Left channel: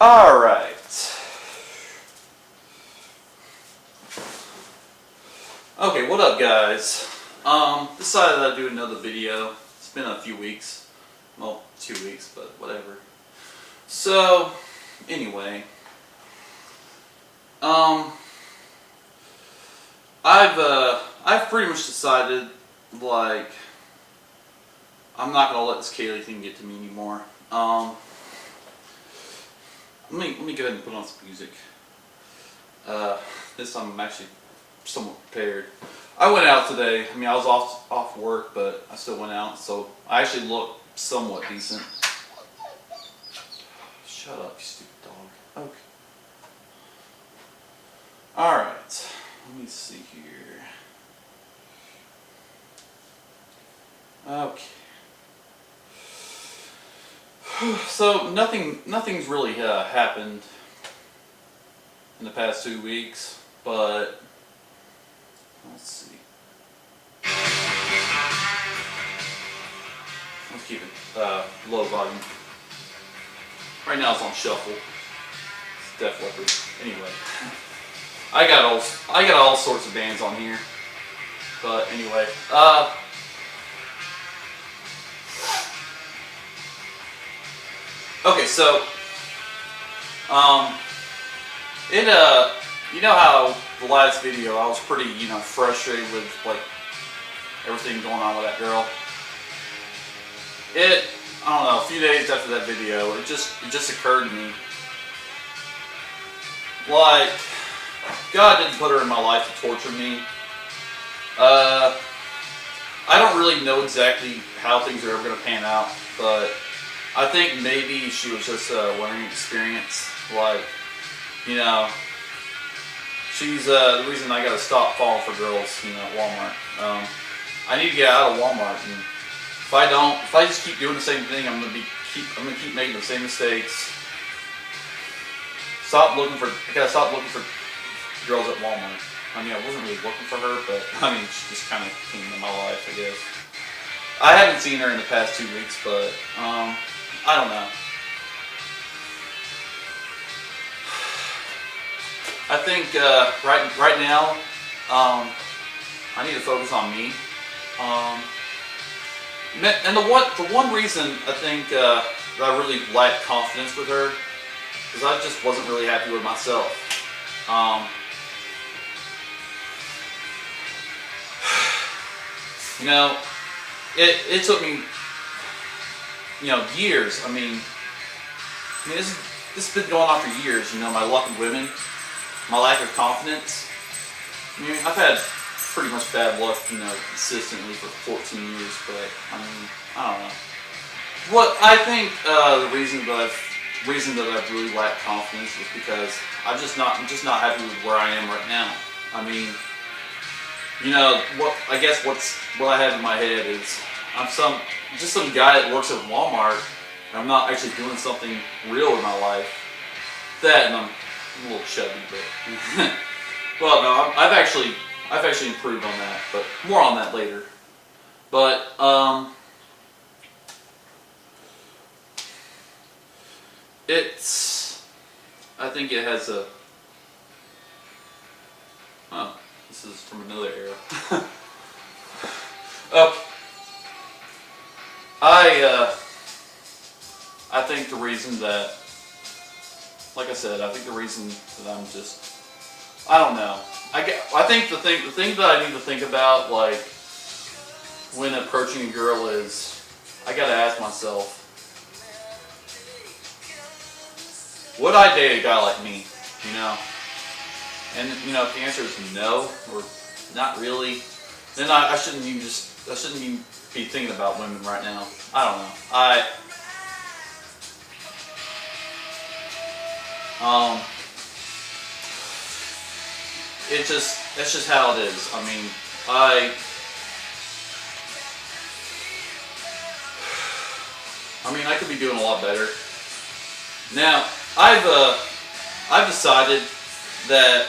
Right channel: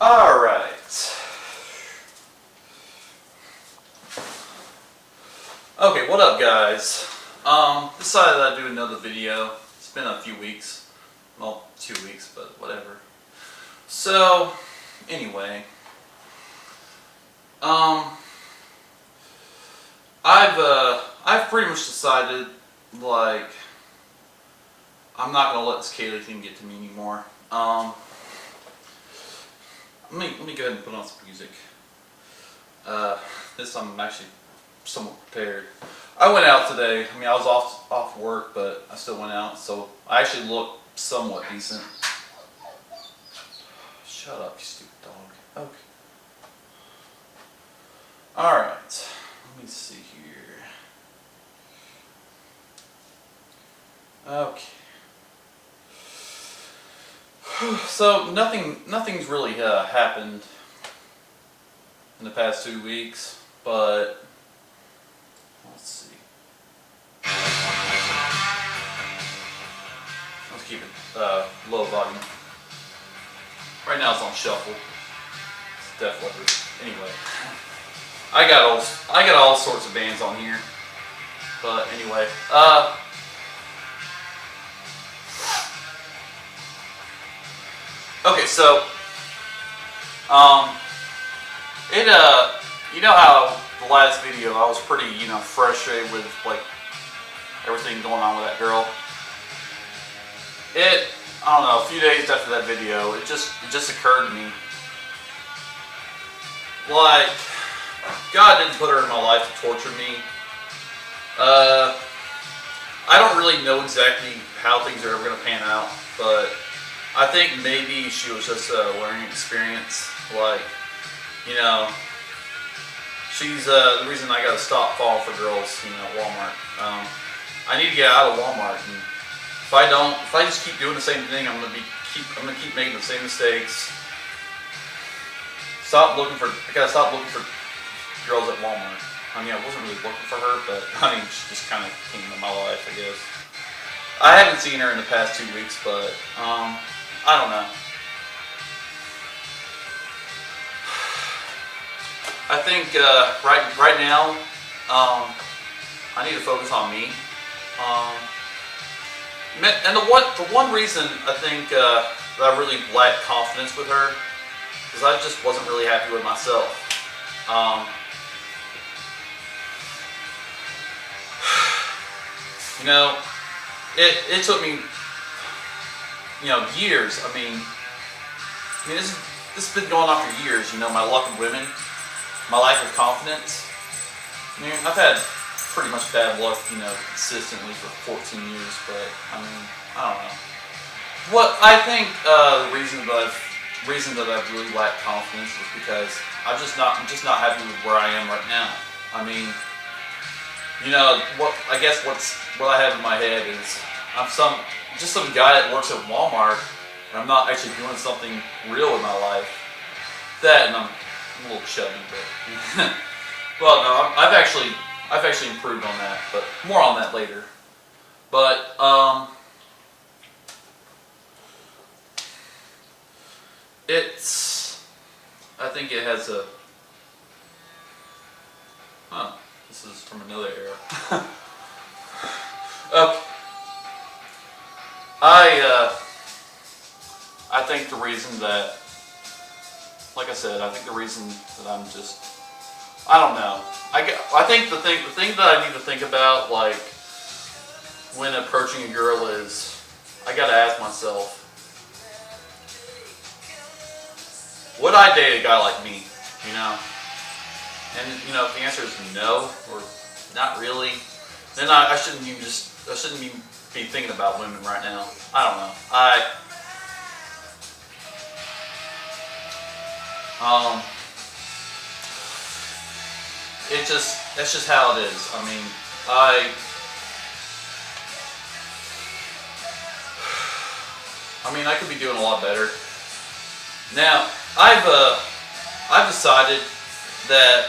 Alright. Okay, what up guys? Decided I'd do another video. It's been a few weeks. Well, 2 weeks, but whatever. So, anyway. I've pretty much decided, like, I'm not gonna let this Kaylee thing get to me anymore. Let me go ahead and put on some music. This time I'm actually somewhat prepared. I went out today. I mean, I was off work, but I still went out, so I actually look somewhat decent. Shut up, you stupid dog. Okay. Alright. Let me see here. Okay. So nothing's really happened in the past 2 weeks, but let's see. Let's keep it low volume. Right now it's on shuffle. It's Def Leppard. Anyway, I got all sorts of bands on here, but anyway, okay, so, you know how the last video I was pretty, frustrated with, like, everything going on with that girl? I don't know, a few days after that video, it just occurred to me, like, God didn't put her in my life to torture me. I don't really know exactly how things are ever going to pan out, but I think maybe she was just a learning experience. Like, she's the reason I gotta stop falling for girls, at Walmart. I need to get out of Walmart, and if I just keep doing the same thing, I'm gonna keep making the same mistakes. I gotta stop looking for girls at Walmart. I mean, I wasn't really looking for her, but I mean, she just kind of came into my life, I guess. I haven't seen her in the past 2 weeks, but I don't know. I think right now, I need to focus on me. And the one reason I think that I really lacked confidence with her is I just wasn't really happy with myself. It took me, years. I mean, this has been going on for years. My luck with women, my lack of confidence. I mean, I've had pretty much bad luck, consistently for 14 years. But I mean, I don't know. What I think the reason that I've really lacked confidence is because I'm just not happy with where I am right now. I mean, what I have in my head is I'm just some guy that works at Walmart, and I'm not actually doing something real in my life. That, and I'm a little chubby, but well, no, I've actually improved on that, but more on that later. But I think it has a. This is from another era. Okay. I think the reason that, like I said, I think the reason that I'm just, I don't know. I think the thing that I need to think about, like, when approaching a girl is, I gotta ask myself, would I date a guy like me? And if the answer is no or not really, then I shouldn't even be thinking about women right now. I don't know. That's just how it is. I mean, I could be doing a lot better. Now, I've decided that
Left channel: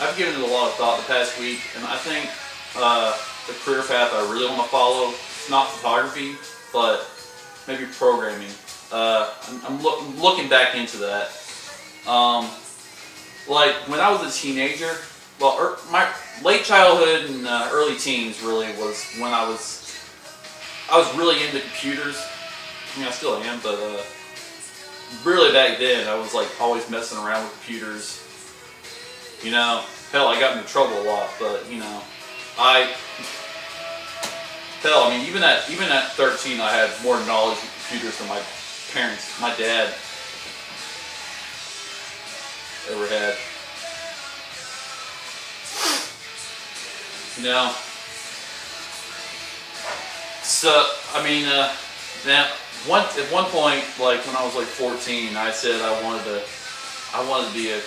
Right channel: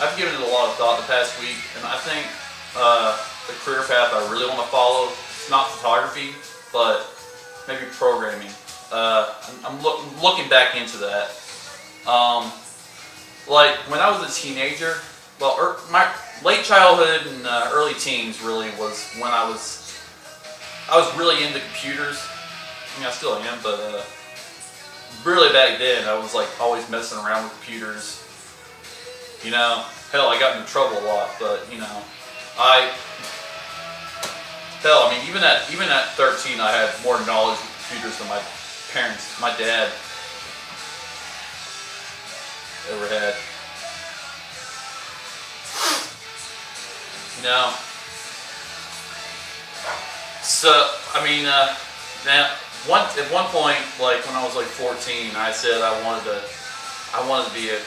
I've given it a lot of thought the past week, and I think the career path I really want to follow is not photography, but maybe programming. I'm looking back into that. Like when I was a teenager, well, my late childhood and early teens really was when I was really into computers. I mean, I still am, but really back then I was like always messing around with computers. You know, hell, I got into trouble a lot, but you know, I mean, even at 13, I had more knowledge of computers than my parents, my dad, ever had. You know, so I mean, now at one point, like when I was like 14, I said I wanted to be a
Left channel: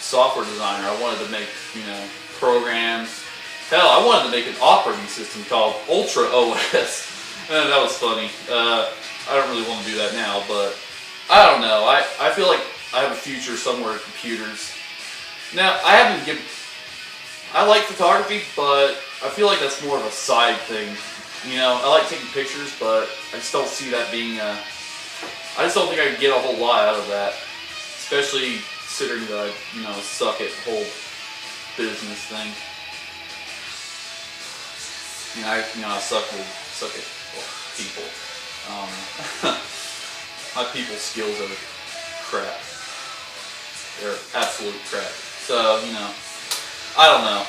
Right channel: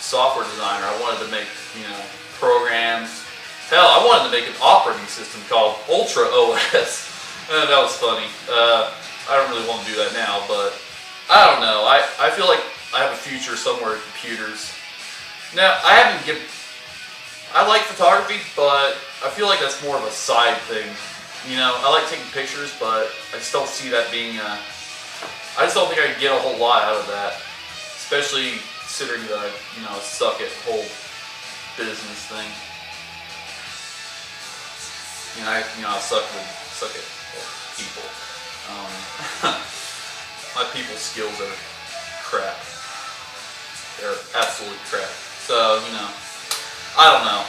software designer. I wanted to make, you know, programs. Hell, I wanted to make an operating system called Ultra OS. That was funny. I don't really want to do that now, but I don't know. I feel like I have a future somewhere in computers. Now, I like photography, but I feel like that's more of a side thing. You know, I like taking pictures, but I just don't see that being I just don't think I could get a whole lot out of that. Especially considering that I, you know, suck at the whole business thing. I suck at people. My people skills are crap. They're absolute crap. So, you know, I don't know.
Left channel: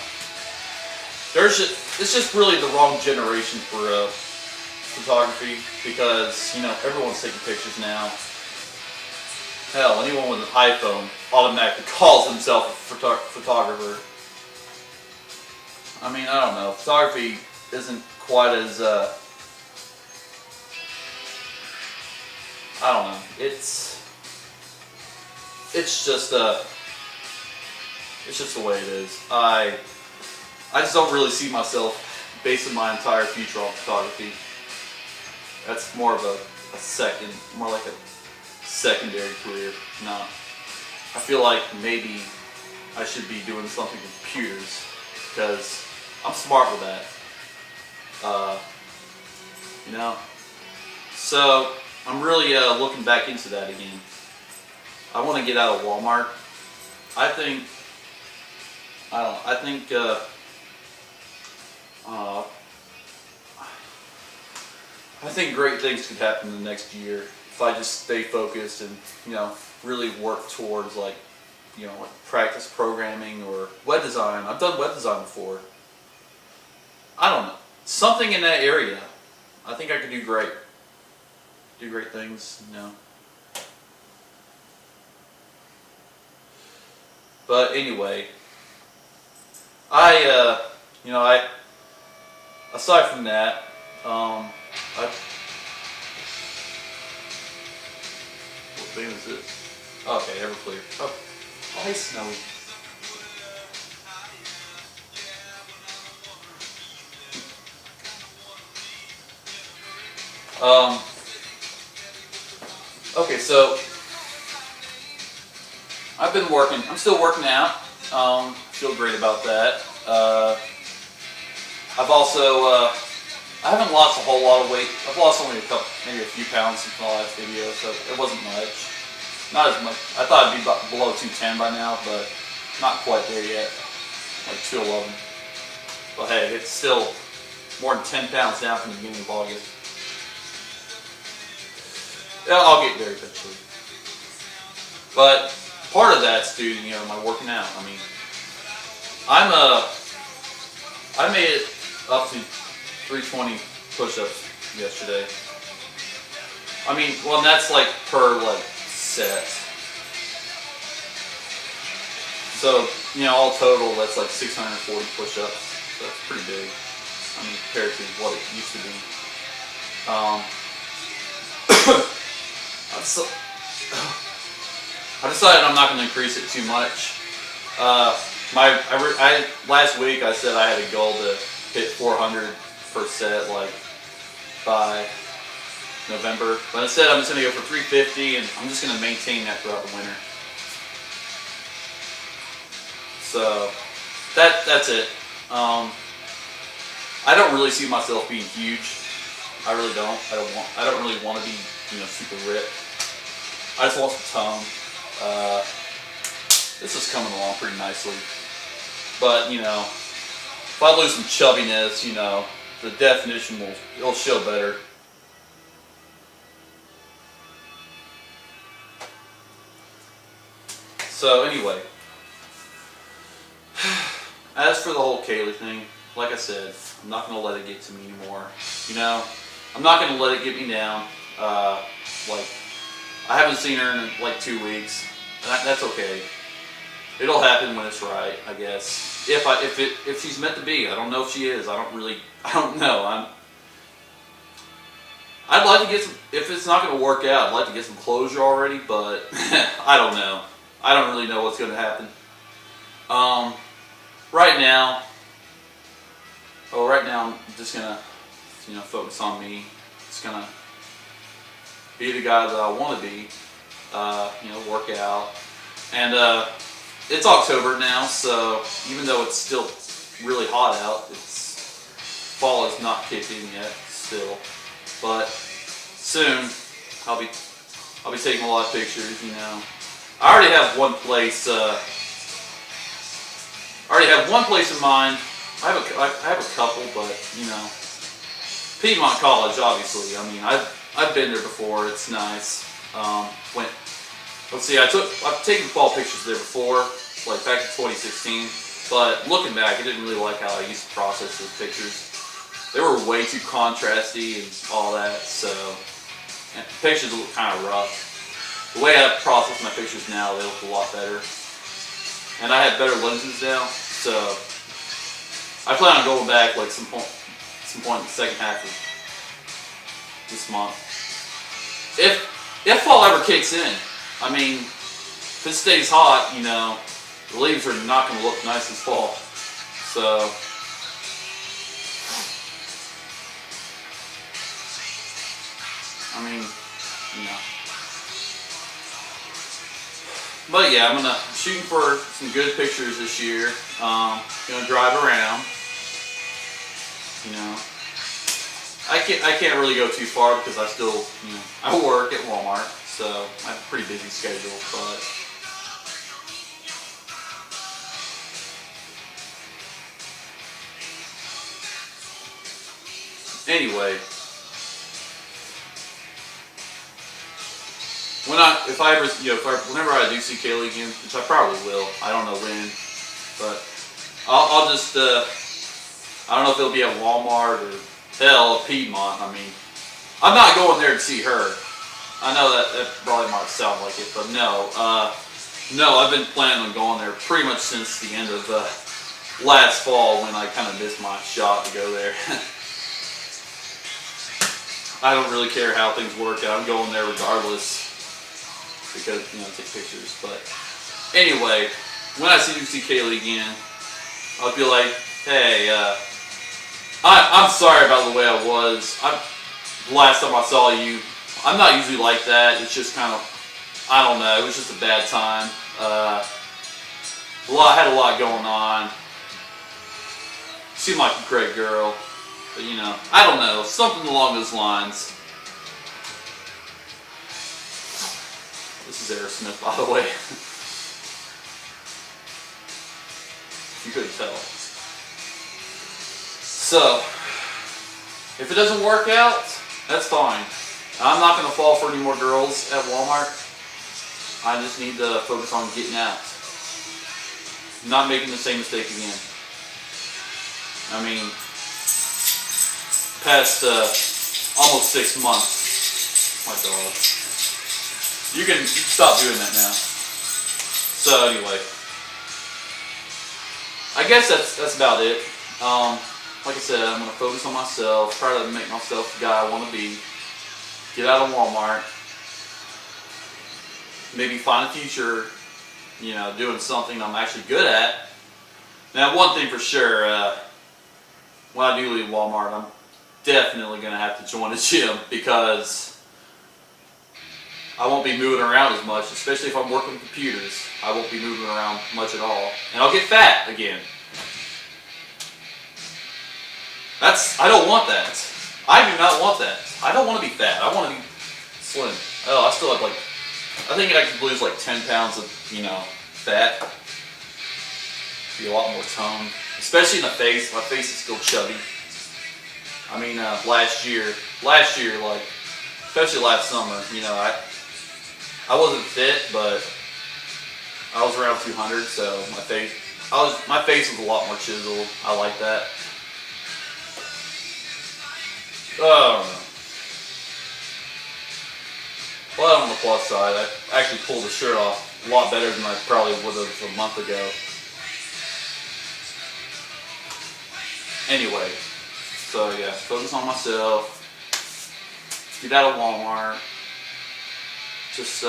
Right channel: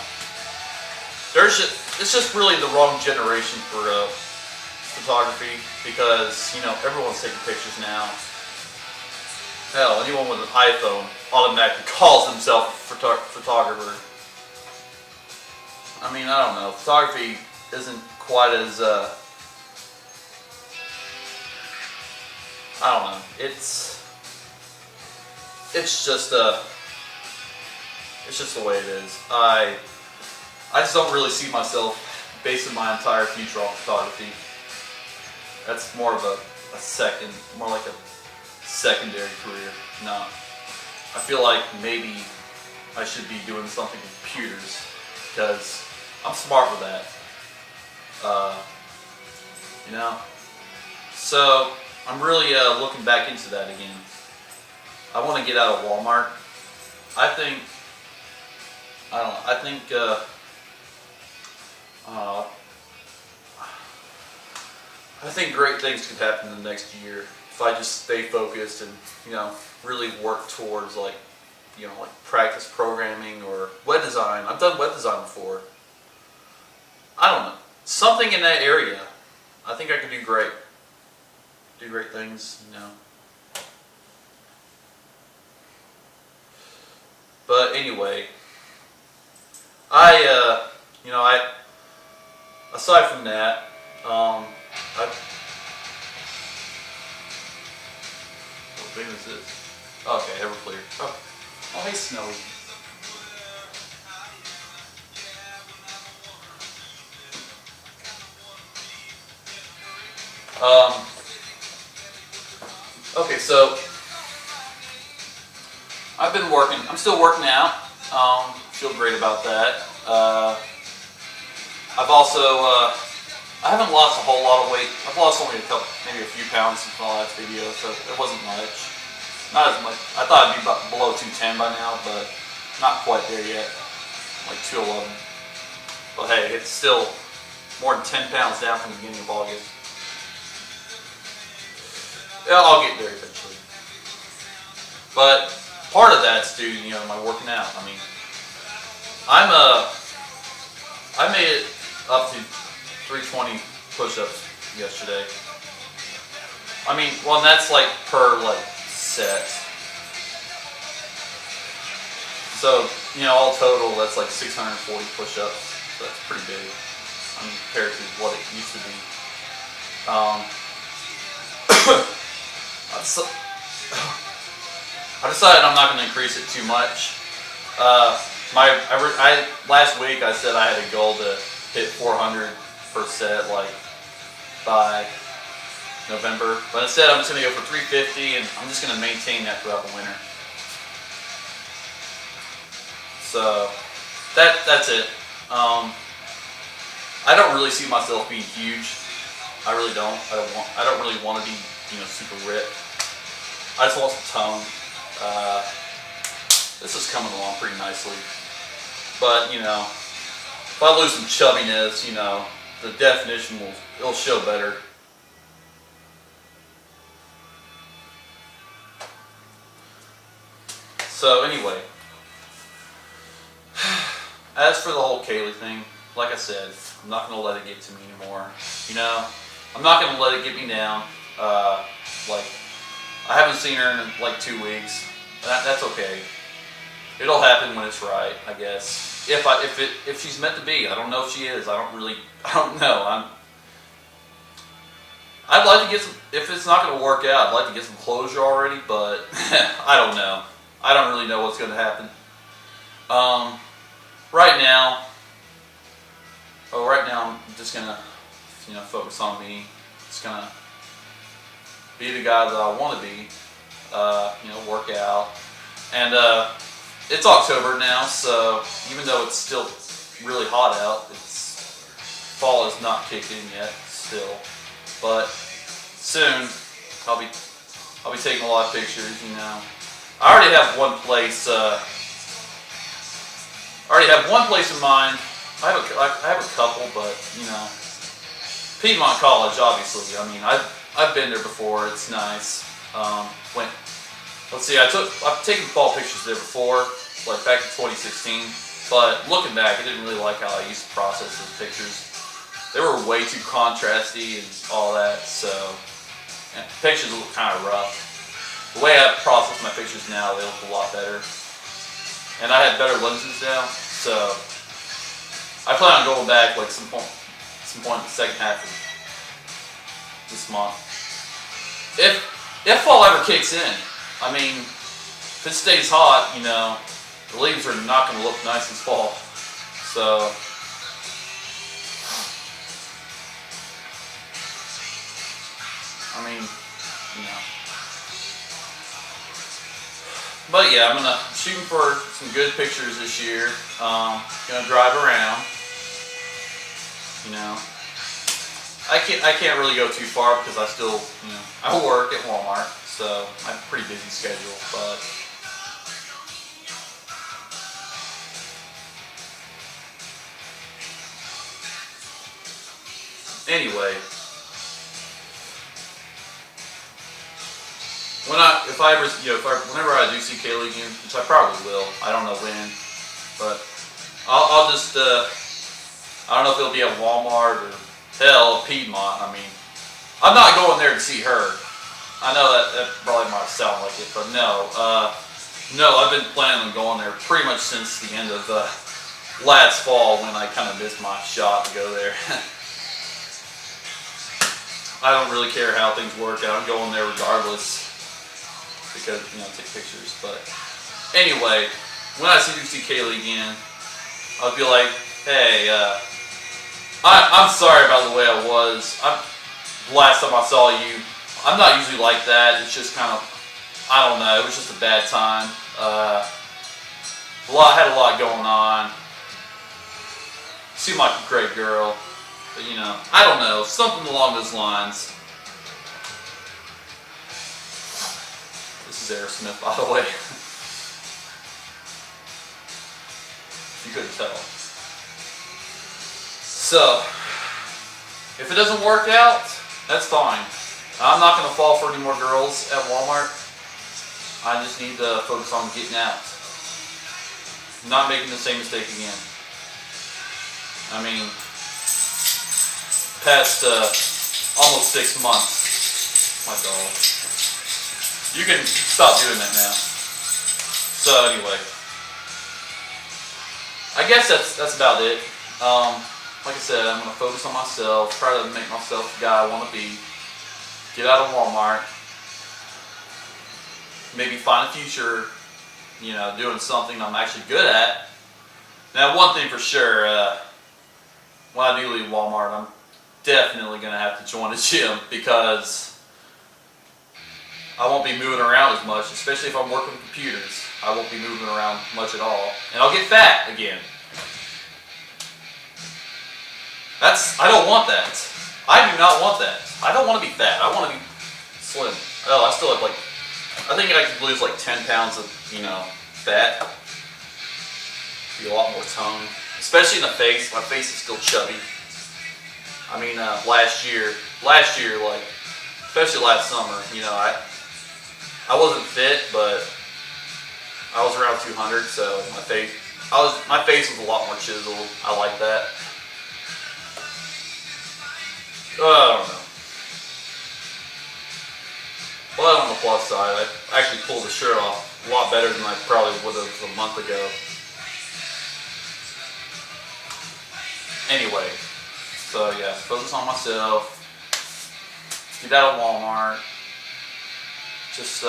It's just really the wrong generation for photography because, you know, everyone's taking pictures now. Hell, anyone with an iPhone automatically calls himself a photographer. I mean, I don't know. Photography isn't quite as I don't know. It's just the way it is. I just don't really see myself basing my entire future on photography. That's more of more like a secondary career. No, I feel like maybe I should be doing something with computers because I'm smart with that. You know, so I'm really looking back into that again. I want to get out of Walmart. I think great things could happen in the next year if I just stay focused and, you know, really work towards like practice programming or web design. I've done web design before. I don't know. Something in that area. I think I could do great. Do great things, you know. But anyway, aside from that, what thing is this? Okay, Everclear. Oh, hey, Snowy. Okay, so I've been working. I'm still working out. Feel great about that. I've also I haven't lost a whole lot of weight. I've lost only maybe a few pounds since my last video, so it wasn't much. Not as much. I thought I'd be about below 210 by now, but not quite there yet. Like 211. But hey, it's still more than 10 pounds down from the beginning of August. Yeah, I'll get there eventually. But part of that's due to, you know, my working out. I mean, I made it up to 320 push-ups yesterday. I mean, well, and that's like per like set. So, you know, all total, that's like 640 push-ups. So that's pretty big. I mean, compared to what it used to be. I decided I'm not going to increase it too much. Last week I said I had a goal to hit 400 per set, like by November. But instead, I'm just going to go for 350, and I'm just going to maintain that throughout the winter. So that's it. I don't really see myself being huge. I really don't. I don't really want to be super ripped. I just lost the tone. This is coming along pretty nicely. But, if I lose some chubbiness, the definition it'll show better. So anyway, as for the whole Kaylee thing, like I said, I'm not going to let it get to me anymore. I'm not going to let it get me down. Like, I haven't seen her in like 2 weeks. That's okay. It'll happen when it's right, I guess. If she's meant to be, I don't know if she is. I don't know. I'd like to get some. If it's not going to work out, I'd like to get some closure already. But I don't know. I don't really know what's going to happen. Right now I'm just gonna, focus on me. Just gonna be the guy that I want to be. Work out, and it's October now, so even though it's still really hot out, fall has not kicked in yet still, but soon I'll be taking a lot of pictures. I already have one place. In mind. I have a couple, but Piedmont College, obviously. I mean, I've been there before. It's nice. Let's see. I've taken fall pictures there before, like back in 2016. But looking back, I didn't really like how I used to process those pictures. They were way too contrasty and all that. So, and pictures look kind of rough. The way I process my pictures now, they look a lot better. And I have better lenses now, so I plan on going back like some point in the second half of this month. If fall ever kicks in, I mean, if it stays hot, the leaves are not going to look nice this fall. So I mean, But yeah, I'm shooting for some good pictures this year. Gonna drive around. I can't really go too far because I still, I work at Walmart, so I have a pretty busy schedule. But anyway, whenever I do see Kaylee again, which I probably will, I don't know when, but I'll just, I don't know if it'll be at Walmart or hell, Piedmont. I mean, I'm not going there to see her. I know that probably might sound like it, but no, I've been planning on going there pretty much since the end of last fall when I kind of missed my shot to go there. I don't really care how things work out. I'm going there regardless. Because, take pictures. But anyway, when I see Kaylee again, I'll be like, hey, I'm sorry about the way I was. Last time I saw you, I'm not usually like that. It's just kind of, I don't know, it was just a bad time. Had a lot going on. Seemed like a great girl. But, I don't know, something along those lines. This is Aerosmith, by the way. You couldn't tell. So, if it doesn't work out, that's fine. I'm not going to fall for any more girls at Walmart. I just need to focus on getting out. Not making the same mistake again. I mean, past almost 6 months. My God. You can stop doing that now. So anyway, I guess that's about it. Like I said, I'm going to focus on myself, try to make myself the guy I want to be, get out of Walmart, maybe find a future, doing something I'm actually good at. Now, one thing for sure, when I do leave Walmart, I'm definitely going to have to join a gym because I won't be moving around as much, especially if I'm working with computers. I won't be moving around much at all. And I'll get fat again. I don't want that. I do not want that. I don't want to be fat. I want to be slim. Oh, I still have like, I think I could lose like 10 pounds of, fat. Be a lot more toned. Especially in the face. My face is still chubby. I mean, last year, like, especially last summer, I wasn't fit, but I was around 200, so my face was a lot more chiseled. I like that. I don't know. Well, on the plus side, I actually pulled the shirt off a lot better than I probably would have a month ago. Anyway, so yeah, focus on myself. Get out of Walmart. Just,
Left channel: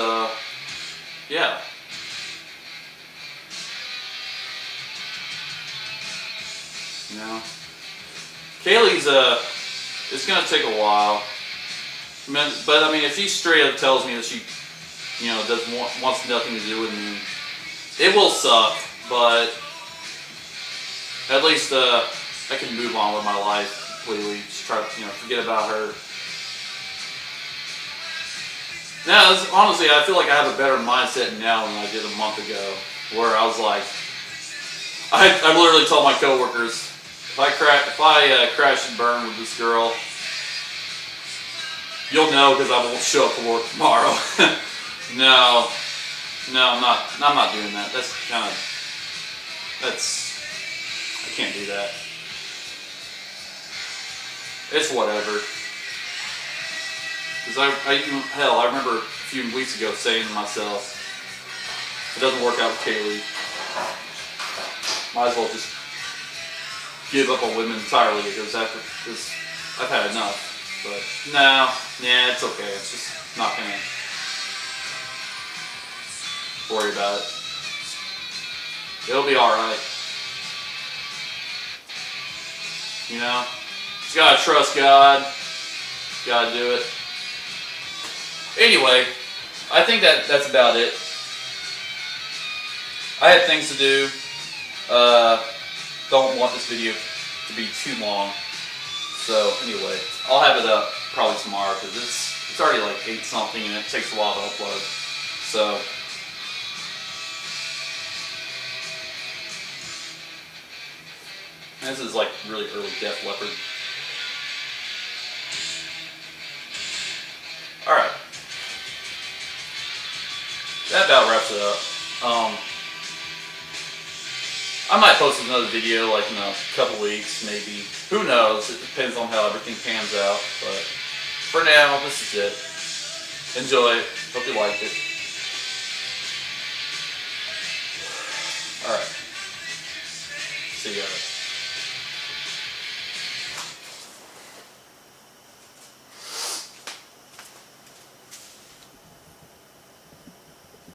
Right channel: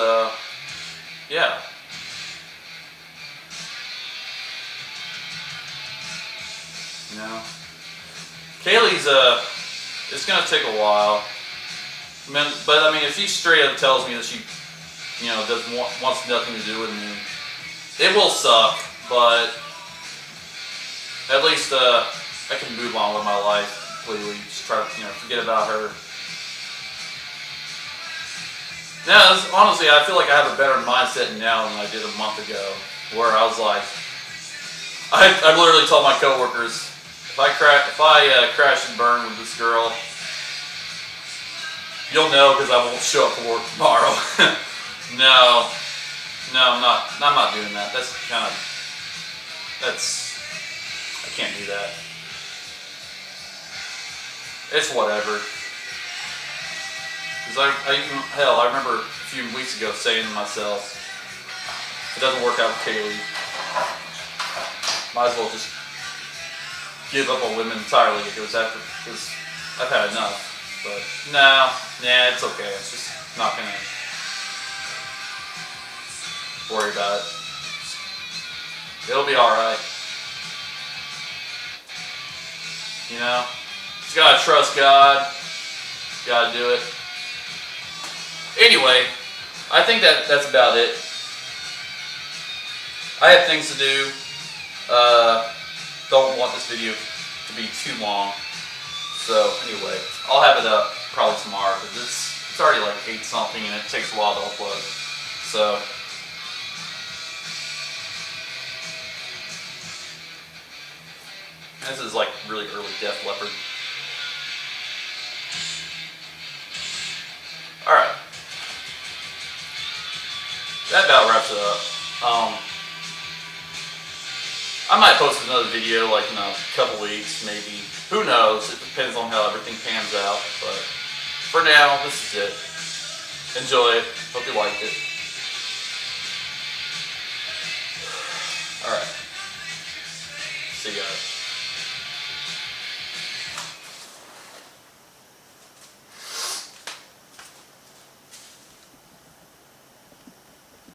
yeah. Kaylee's, it's gonna take a while. But I mean, if she straight up tells me that she, wants nothing to do with me, it will suck. But at least I can move on with my life completely. Just try to, forget about her. Now, honestly, I feel like I have a better mindset now than I did a month ago, where I was like, I literally told my coworkers, if I crash and burn with this girl, you'll know because I won't show up for work tomorrow. No, I'm not doing that. I can't do that. It's whatever. Because I remember a few weeks ago saying to myself, if it doesn't work out with Kaylee, might as well just give up on women entirely because I've had enough. But it's okay. It's just not gonna worry about it. It'll be alright. Just gotta trust God. Gotta do it. Anyway, I think that's about it. I have things to do. Don't want this video to be too long. So anyway, I'll have it up probably tomorrow because it's already like 8 something and it takes a while to upload. So this is like really early Def Leppard. Alright. That about wraps it up. I might post another video like in a couple weeks, maybe. Who knows? It depends on how everything pans out. But for now, this is it. Enjoy it. Hope you liked it. Alright. See you guys.